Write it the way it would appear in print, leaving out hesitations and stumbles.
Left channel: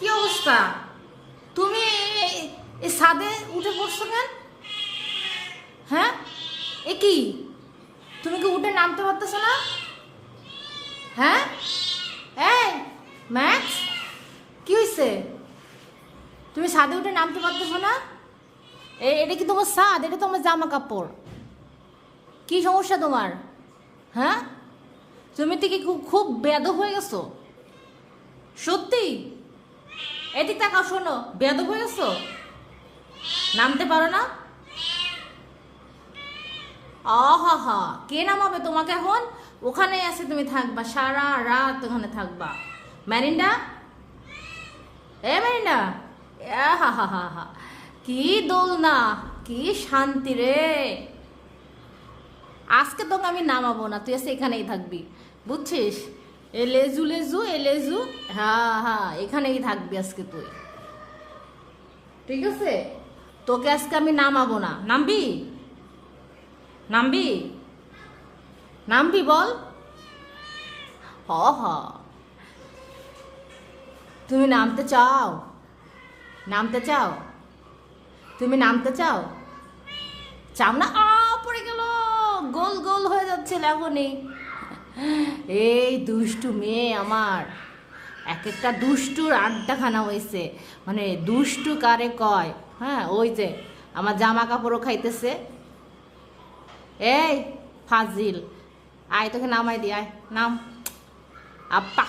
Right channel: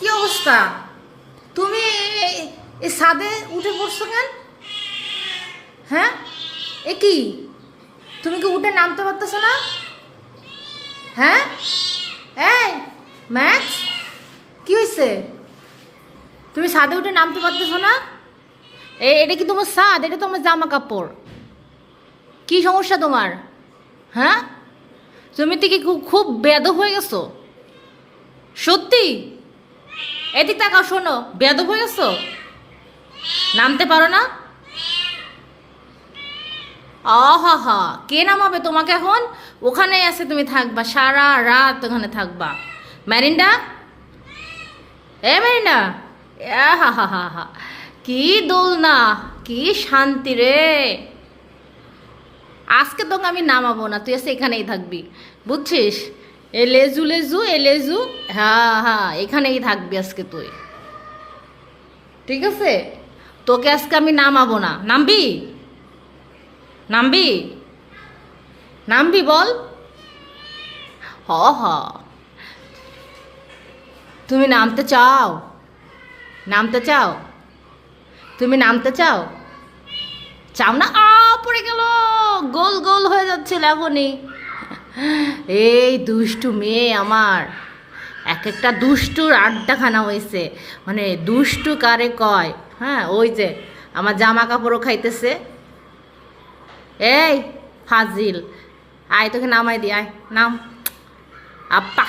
কি অবস্থা? তুমি এই ছাদে উঠে পড়ছো কেন? হ্যাঁ, এ কি? তুমি কি উঠে নামতে পারতেছো না? হ্যাঁ, এই ম্যাক্স, কি হয়েছে? তুমি ছাদে উঠে নামতে পারতেছো না? এটা কি তোমার ছাদ? এটা তো আমার জামা কাপড়। কি সমস্যা তোমার? হ্যাঁ, তুমি কি খুব বেয়াদব হয়ে গেছো? সত্যি? এদিক তাকাও, শোনো, বেয়াদব হয়ে গেছো? নামতে পারো না? আহা হা, কে নামাবে তোমাকে এখন? ওখানেই আছে, তুমি থাকবা সারা রাত, ওখানে থাকবা। ম্যারিন্ডা, এ ম্যারিন্ডা, হা হা হা হা, কি দোলনা, কি শান্তি রে। আজকে তোকে আমি নামাবো না, তুই এসে এখানেই থাকবি, বুঝছিস? এ লেজু লেজু, এ লেজু, হ্যাঁ হ্যাঁ, এখানেই থাকবি আজকে তুই, ঠিক আছে? তোকে আজকে আমি নামাবো না। নামবি? নামবি? নামবি বল। হ হ, তুমি নামতে চাও? নামতে চাও? তুমি নামতে চাও? চাও না? পড়ে গেল, গোল গোল হয়ে যাচ্ছিল এখনই। এই দুষ্টু মেয়ে আমার, এক একটা দুষ্টুর আড্ডাখানা হয়েছে। মানে দুষ্টু কারে কয়? হ্যাঁ, ওই যে আমার জামা কাপড়ও খাইতেছে। এই ফাজিল, আয় তোকে নামাই দি, আয় নাম। আপ্পা।